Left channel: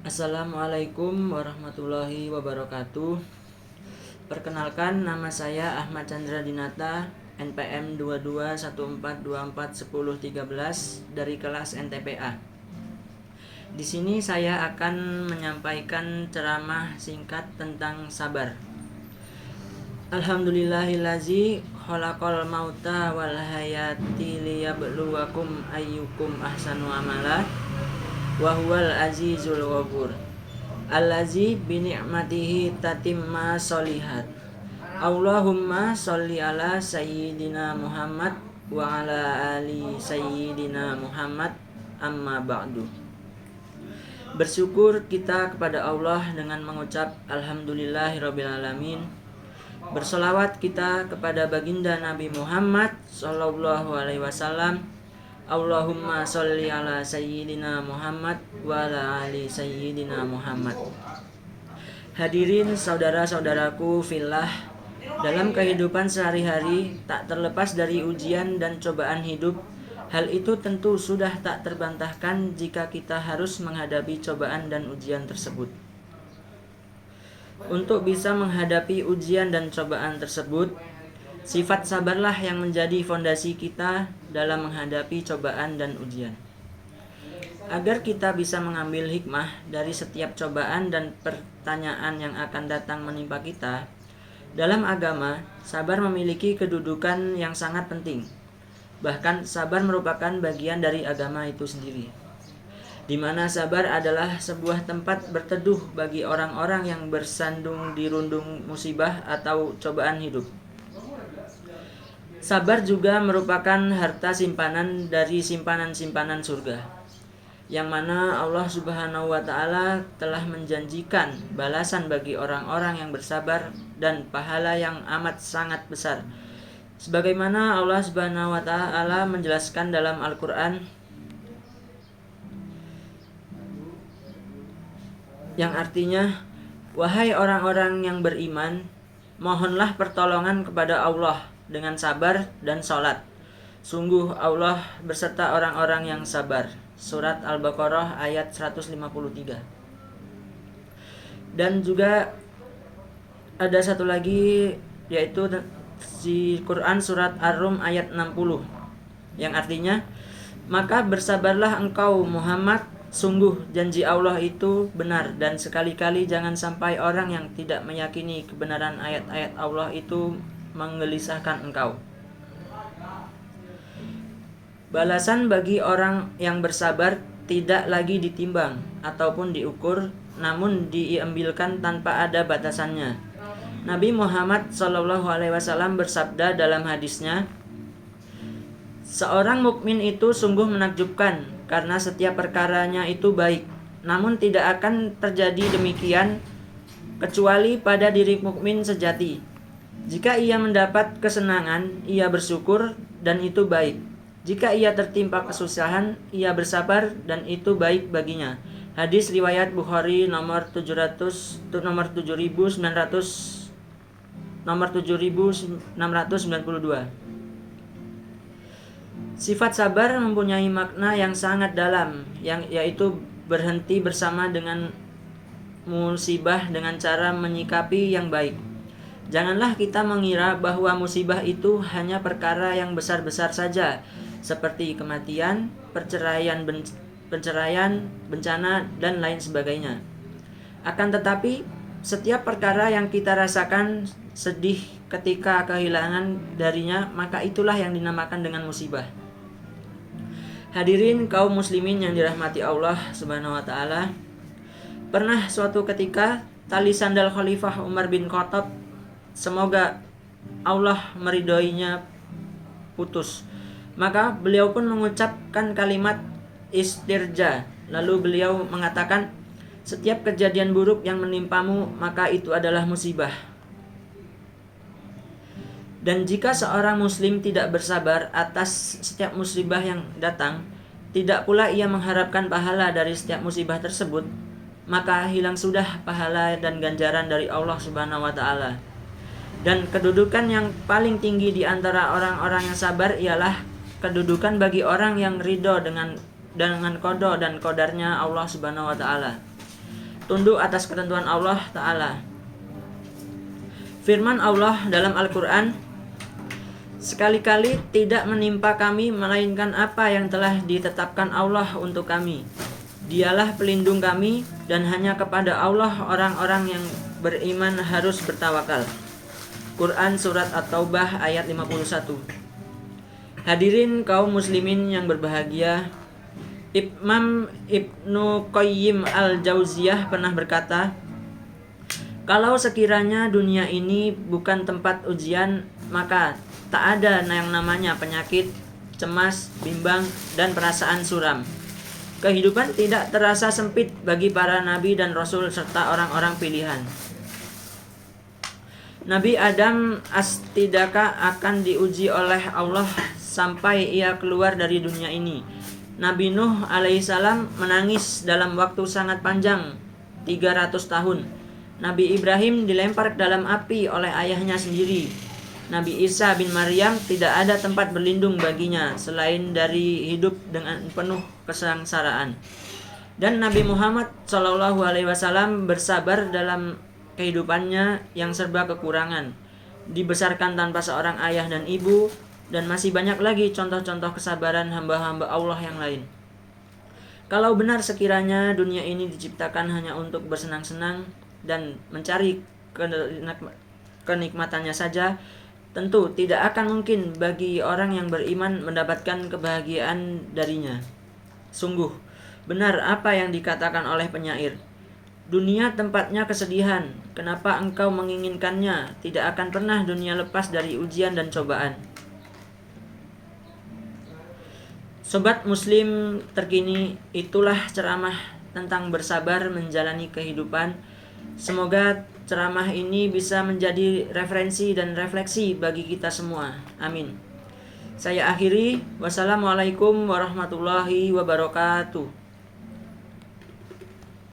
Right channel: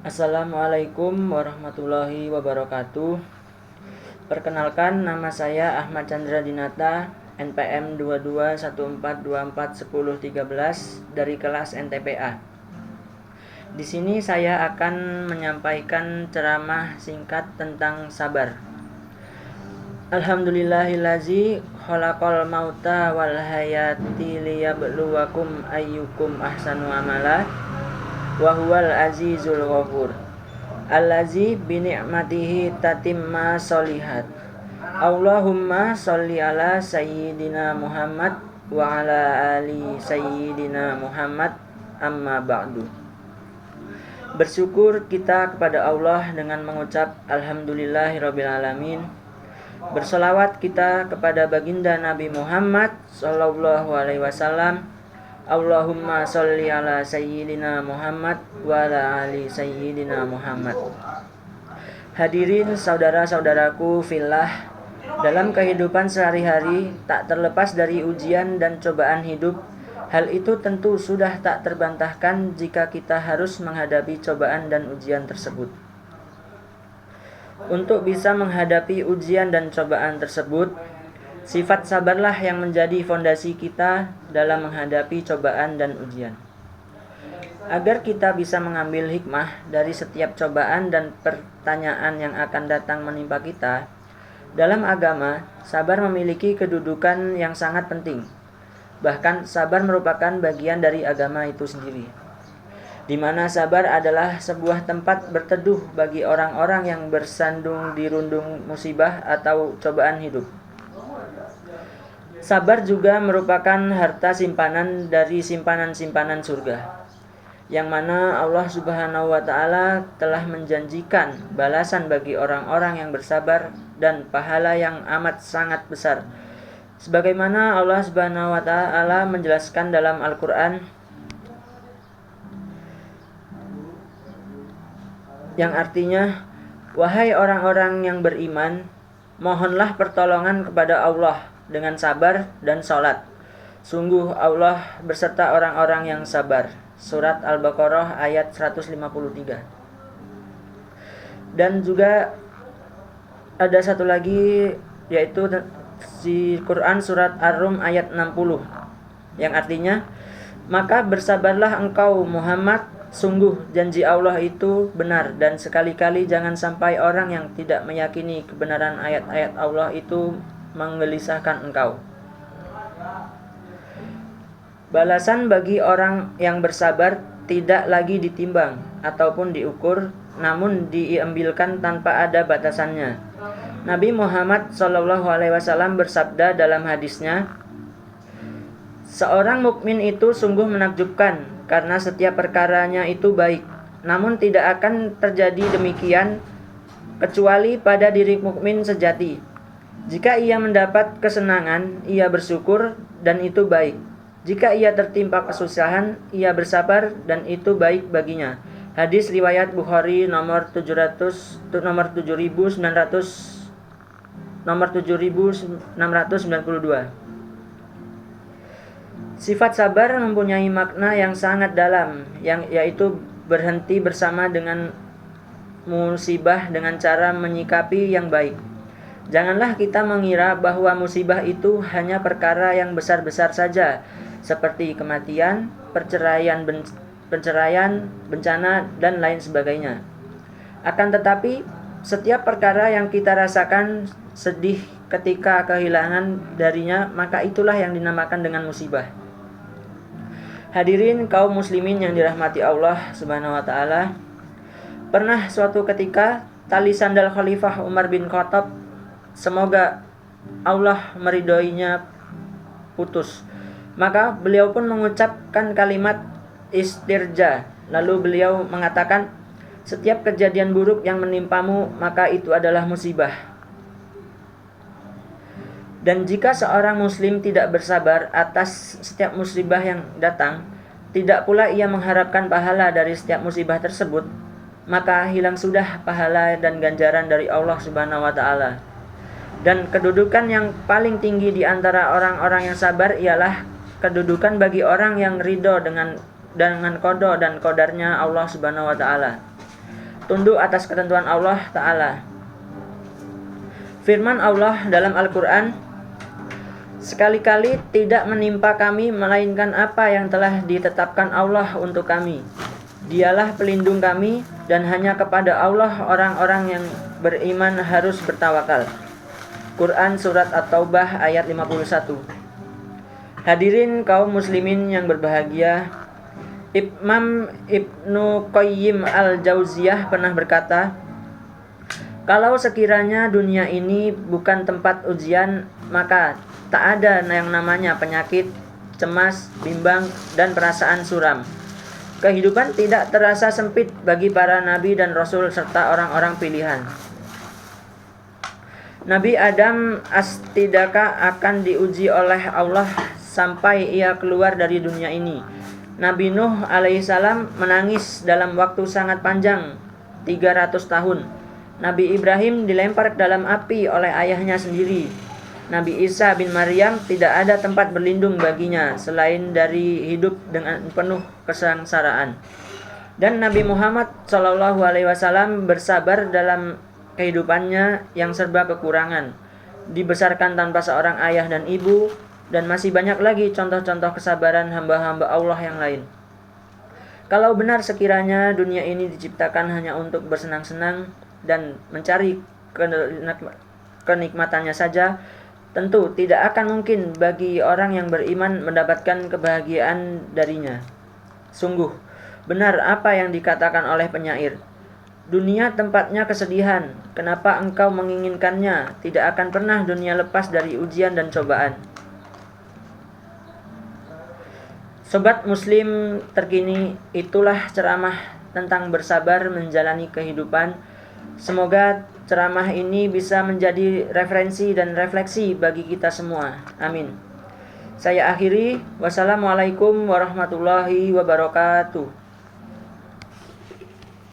Assalamualaikum warahmatullahi wabarakatuh. Perkenalkan, nama saya Ahmad Chandra Dinata, NPM 2214241013 dari kelas NTPA. Di sini saya akan menyampaikan ceramah singkat tentang sabar. Alhamdulillahillazi khalaqal mauta wal hayati liyabluwakum ayyukum ahsanu amala wa huwal azizul ghafur allazi bi ni'matihi tatimma sholihat. Allahumma sholli ala sayyidina Muhammad wa ala ali sayyidina Muhammad, amma ba'du. Bersyukur kita kepada Allah dengan mengucap alhamdulillahirabbil alamin. Bersolawat kita kepada baginda Nabi Muhammad sallallahu alaihi wasallam. Allahumma sholli ala sayyidina Muhammad wa ala ali sayyidina Muhammad. Hadirin saudara-saudaraku fillah, dalam kehidupan sehari-hari tak terlepas dari ujian dan cobaan hidup. Hal itu tentu sudah tak terbantahkan jika kita harus menghadapi cobaan dan ujian tersebut. Untuk bisa menghadapi ujian dan cobaan tersebut, sifat sabarlah yang menjadi fondasi kita dalam menghadapi cobaan dan ujian. Agar kita bisa mengambil hikmah dari setiap cobaan dan pertanyaan yang akan datang menimpa kita, dalam agama, sabar memiliki kedudukan yang sangat penting. Bahkan sabar merupakan bagian dari agama itu sendiri, di mana sabar adalah sebuah tempat berteduh bagi orang-orang yang bersandung di rundung musibah atau cobaan hidup. Sabar juga merupakan harta simpanan dari simpanan-simpanan surga, yang mana Allah Subhanahu wa Ta'ala telah menjanjikan balasan bagi orang-orang yang bersabar dan pahala yang amat sangat besar. Sebagaimana Allah Subhanahu wa Ta'ala menjelaskan dalam Al-Qur'an, yang artinya, wahai orang-orang yang beriman, mohonlah pertolongan kepada Allah dengan sabar dan sholat. Sungguh Allah berserta orang-orang yang sabar. Surat Al-Baqarah ayat 153. Dan juga ada satu lagi, yaitu di Quran surat Ar-Rum ayat 60, yang artinya, maka bersabarlah engkau Muhammad, sungguh janji Allah itu benar, dan sekali-kali jangan sampai orang yang tidak meyakini kebenaran ayat-ayat Allah itu menggelisahkan engkau. Balasan bagi orang yang bersabar tidak lagi ditimbang ataupun diukur, namun diambilkan tanpa ada batasannya. Nabi Muhammad SAW bersabda dalam hadisnya, seorang mukmin itu sungguh menakjubkan karena setiap perkaranya itu baik, namun tidak akan terjadi demikian kecuali pada diri mukmin sejati. Jika ia mendapat kesenangan, ia bersyukur dan itu baik. Jika ia tertimpa kesusahan, ia bersabar dan itu baik baginya. Hadis riwayat Bukhari nomor 7692. Sifat sabar mempunyai makna yang sangat dalam, yaitu berhenti bersama dengan musibah dengan cara menyikapi yang baik. Janganlah kita mengira bahwa musibah itu hanya perkara yang besar-besar saja, seperti kematian, perceraian, bencana, dan lain sebagainya. Akan tetapi, setiap perkara yang kita rasakan sedih ketika kehilangan darinya, maka itulah yang dinamakan dengan musibah. Hadirin kaum muslimin yang dirahmati Allah Subhanahu wa Ta'ala, pernah suatu ketika tali sandal Khalifah Umar bin Khattab, semoga Allah meridhoinya, putus. Maka beliau pun mengucapkan kalimat istirja. Lalu beliau mengatakan, setiap kejadian buruk yang menimpamu, maka itu adalah musibah. Dan jika seorang muslim tidak bersabar atas setiap musibah yang datang, tidak pula ia mengharapkan pahala dari setiap musibah tersebut, maka hilang sudah pahala dan ganjaran dari Allah Subhanahu wa Ta'ala. Dan kedudukan yang paling tinggi di antara orang-orang yang sabar ialah kedudukan bagi orang yang ridho dengan qada dan qadarnya Allah Subhanahu wa Ta'ala. tunduk atas ketentuan Allah Ta'ala. Firman Allah dalam Al-Quran, sekali-kali tidak menimpa kami melainkan apa yang telah ditetapkan Allah untuk kami. Dialah pelindung kami, dan hanya kepada Allah orang-orang yang beriman harus bertawakal. Quran Surat At-Taubah ayat 51. Hadirin kaum muslimin yang berbahagia, Imam Ibnu Qayyim Al-Jauziyah pernah berkata, kalau sekiranya dunia ini bukan tempat ujian, maka tak ada yang namanya penyakit, cemas, bimbang, dan perasaan suram. Kehidupan tidak terasa sempit bagi para nabi dan rasul serta orang-orang pilihan. Nabi Adam astidaka akan diuji oleh Allah sampai ia keluar dari dunia ini. Nabi Nuh alaihissalam menangis dalam waktu sangat panjang, 300 tahun. Nabi Ibrahim dilempar ke dalam api oleh ayahnya sendiri. Nabi Isa bin Maryam tidak ada tempat berlindung baginya selain dari hidup dengan penuh kesengsaraan. Dan Nabi Muhammad SAW bersabar dalam kehidupannya yang serba kekurangan, dibesarkan tanpa seorang ayah dan ibu, dan masih banyak lagi contoh-contoh kesabaran hamba-hamba Allah yang lain. Kalau benar sekiranya dunia ini diciptakan hanya untuk bersenang-senang dan mencari kenikmatannya saja, tentu tidak akan mungkin bagi orang yang beriman mendapatkan kebahagiaan darinya. Sungguh, benar apa yang dikatakan oleh penyair, dunia tempatnya kesedihan, kenapa engkau menginginkannya? Tidak akan pernah dunia lepas dari ujian dan cobaan. Sobat Muslim terkini, itulah ceramah tentang bersabar menjalani kehidupan. Semoga ceramah ini bisa menjadi referensi dan refleksi bagi kita semua. Amin. Saya akhiri. Wassalamualaikum warahmatullahi wabarakatuh.